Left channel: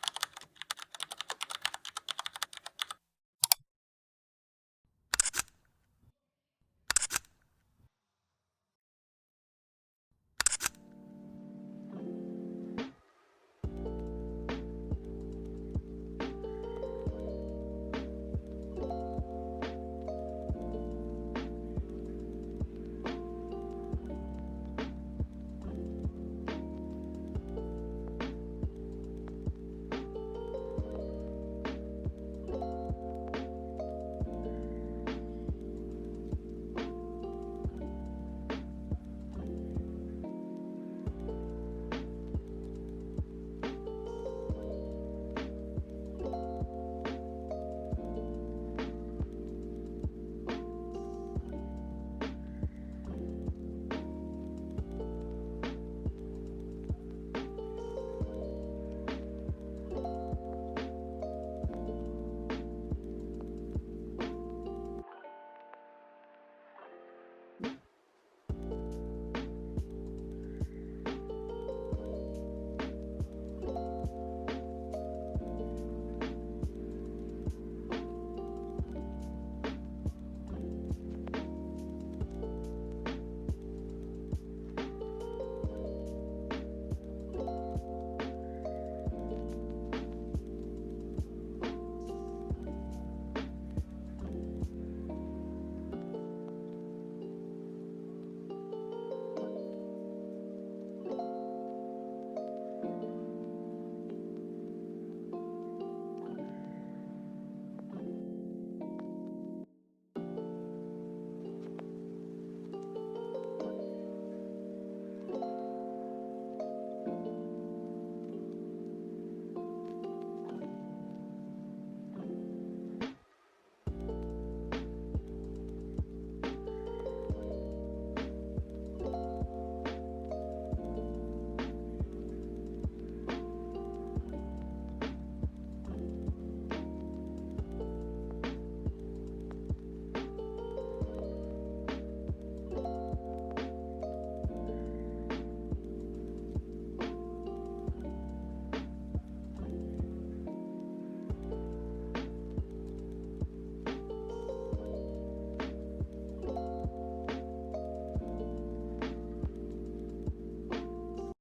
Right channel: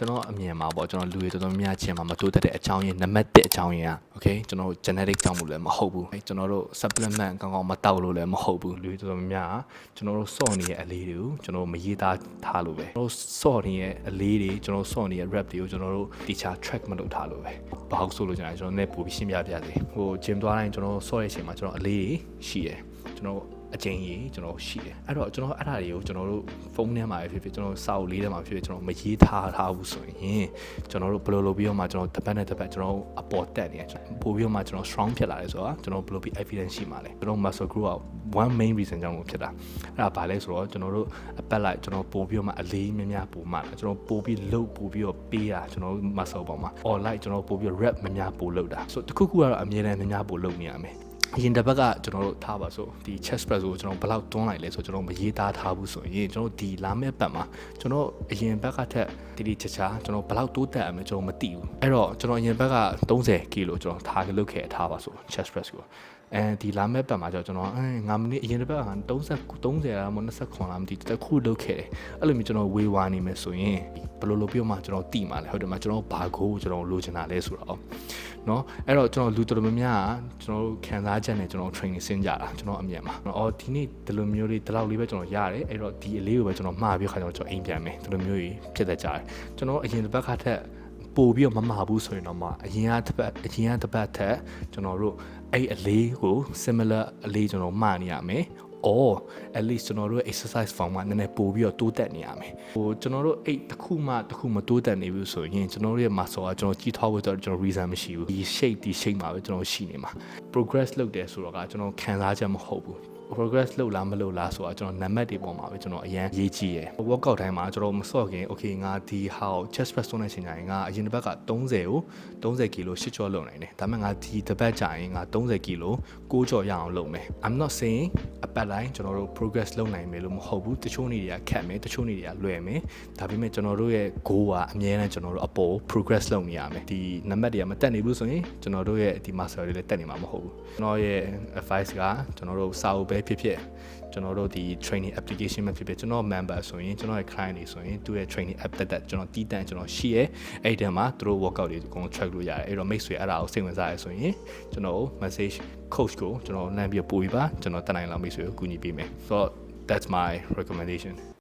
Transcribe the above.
ကျွန်တော်အမြင်မှာပေါ့ကျွန်တော်လူတွေတော်တော်များချင်းမှာမတိုးတက်တဲ့အကြောင်းရင်းနံပါတ်1အကြောင်းရင်းอ่ะ okay ကျွန်တော် genetic ကြောင့်မို့လည်းမဟုတ်ဘူးကျွန်တော်တို့ supplement ကောင်းကောင်းမတောက်လို့လည်းမဟုတ်ဘူးလူတွေတော်တော်များကျွန်တော်တို့စော့နေတဲ့အလေးတွေကိုကျွန်တော်မရေးသားထားလို့ပဲကျွန်တော်စော့နေတဲ့အလေးတွေကျွန်တော်စော့နေတဲ့ rap တွေကိုကျွန်တော်တို့ teacher track မလုပ်ထားလို့ပဲဘာလို့ဆိုလို့ကျွန်တော်နဲ့ပို့ပြီးရှင်းပြပြတယ်ဟို gym သွားတိုင်းကျွန်တော်စော့တဲ့အချိန်မှာကျွန်တော်အလေးရှိတယ်ကျွန်တော်အကျဉ်းကြီးကျွန်တော်ရှိတယ်အဲ့တော့ကျွန်တော်အဲ့ဒါတွေကိုကျွန်တော်တို့ဖုန်းထဲမှာဖြစ်ဖြစ်ကျွန်တော်စာအုပ်လေးထဲမှာဖြစ်ဖြစ်ကျွန်တော်မရေးထားဘူးဆိုရင်ကျွန်တော်တို့ဘယ်လိုလုပ်ပြီးတော့မှကျွန်တော်တစ်ပတ်နဲ့တစ်ပတ်ကျွန်တော်အပေါ်တက်နေကျွန်တော်ပို့ပြီးတော့မှကျွန်တော် strong ဖြစ်လာတယ်ဆိုတာကျွန်တော်ဘယ်လိုပြီး evidence ရှိမှာလဲကျွန်တော် muscle group က one main reason ကြောင့်လို့ဖြစ်တာအဲ့ဒါဘာလဲဆိုတော့ကျွန်တော်တို့အပတ်လိုက်ကျွန်တော်ပို့ပြီးတော့မှအလေးများများပို့မှကျွန်တော်ပို့ပြီးလုပ်ပို့ပြီးတော့ပေးတာကျွန်တော် muscle ပေါ်မှာ or like ကျွန်တော်ပို့ပြီး rep များများပို့လုပ်တာဆိုတခုခုကတော့အမြဲတမ်းများများပို့လုပ်နေရမယ်အရင်တစ်ပတ်ကကျွန်တော်တို့ထားပါဆိုဒီ chest press ကိုကျွန်တော်ဘယ်လောက်တွန်းလိုက်လဲဆိုကျွန်တော်မရေးသားထားဘူးဆိုရင်ကျွန်တော်ဒီလာမယ့်ပတ်မှာကျွန်တော်အရင်ဘက်ကထက်တိချာချာကျွန်တော်ဘယ်လောက်တိုးတက်အောင်ကျွန်တော်မသိဘူးအဲ့တော့ကျွန်တော်အရင်ဘက်က30 kg ကျွန်တော်ထားလုပ်ခဲ့ထားပါဆို chest press ကိုအဲဒီလာမဲ့ပတ်မှာကျွန်တော်9မိနစ်အရင်တစ်ပတ်က30လားမ29လားမသိတခုလုပ်ခဲ့တယ်အဲ့လိုမျိုးကျွန်တော်ဝေးဝါနေမယ်ဆိုရင်ဘယ်လိုလုပ်ပြီးမှကျွန်တော်တိမှာလဲဟုတ်တယ်မကျွန်တော်ဘာကိုကျွန်တော်လိုချင်တာလဲဆိုတော့เนาะအဲ့တော့ကျွန်တော်လူတော်တော်များများကျွန်တော်ခံစားချက်နဲ့ကျွန်တော် training ဆင်းကြတာကျွန်တော်အမြင်မှာအော်ဒီနေ့ဒီလိုမျိုးလေးဒီလောက်လေးပဲကျွန်တော်ရတယ်အဲ့တော့ဒီအလေးကိုပဲကျွန်တော်မှားပြီးခါကျွန်တော်အိမ်ပြန်မယ်ဒီလိုမျိုးကြီးဖြစ်တတ်ကြတယ်ကျွန်တော်အရင်တစ်ပတ်ခါထက်ပို့ပြီးတော့မမှာဘူးဆိုရင်တော့မှအရင်ကတစ်ပတ်ထက်ကျွန်တော်တို့အဲ့အလေးကို similar အလေးကျွန်တော်မှားနေရမယ်or at least ကျွန်တော်တို့ exercise form မှာနည်းနည်းပို့ပြီးတော့တိုးတက်နေရမယ်ဟိုကျွန်တော်တို့အဲ့တစ်ခုမှမတိုးတက်နေဘူးဆိုရင်ကျွန်တော်တို့ရဲ့ muscle ကကျွန်တော်ကြီးထွားဖို့ကျွန်တော် reason မရှိဘူးဒီ shape မှာပဲကျွန်တော်ရှိနေမှာ progress လုပ်တယ်ဆိုတော့ကကျွန်တော်ခံစားချက်မဟုတ်ဘူးprogress လုပ်လားမလုပ်လားဆိုတာကျွန်တော်နံပါတ်တွေပေါ်မှာပဲကျွန်တော်အရင်ရေးကြည့်ရယ် workout တိုင်းမှာကျွန်တော်မစော့ခင် okay ငါဒီဟာကို chest press လုပ်နေချိန်တိုင်းငါအရင်တစ်ပတ်က30 kg 8ကြောလုပ်နိုင်တယ်ဒါပေမဲ့ငါဒီတစ်ပတ်ကြာရင်ငါ30 kg 9ကြောရအောင်လုပ်မယ် I'm not saying အပတ်တိုင်းကျွန်တော်တို့ progress လုပ်နိုင်မယ်လို့မဟုတ်ဘူးတချို့နေ့တွေကခက်မယ်တချို့နေ့တွေကလွယ်မယ်ဒါပေမဲ့ကျွန်တော်တို့ရဲ့ goal ကအမြဲတမ်းကျွန်တော်တို့အပေါ် progress လုပ်နေရမယ်ဒီနံပါတ်တွေကမတက်နေဘူးဆိုရင်ကျွန်တော်တို့ရဲ့ဒီ muscle တွေလည်းတက်နေမှာမဟုတ်ဘူးကျွန်တော်ရဲ့ advice ကကျွန်တော်တို့စာအုပ်ပဲဖြစ်ဖြစ်ကျွန်တော်တို့ဒီ training application မှာဖြစ်ဖြစ်ကျွန်တော် member ဆိုရင်ကျွန်တော်ရဲ့ client တွေဆိုရင်သူရဲ့ training app တက်ကျွန်တော်တီးတန့်ကျွန်တော်ရှိရဲအဲ့ဒီမှာသူတို့ workout တွေအကုန် track လို့ရတယ်အဲ့တော့ make ဆွေအဲ့ဒါကိုစိတ်ဝင်စားရဆိုရင်ကျွန်တော် message coach ကိုကျွန်တော်လမ်းပြပို့ပြီးပါကျွန်တော်တက်နိုင်လောက် make ဆွေကိုကူညီပေးမယ် so that's my recommendation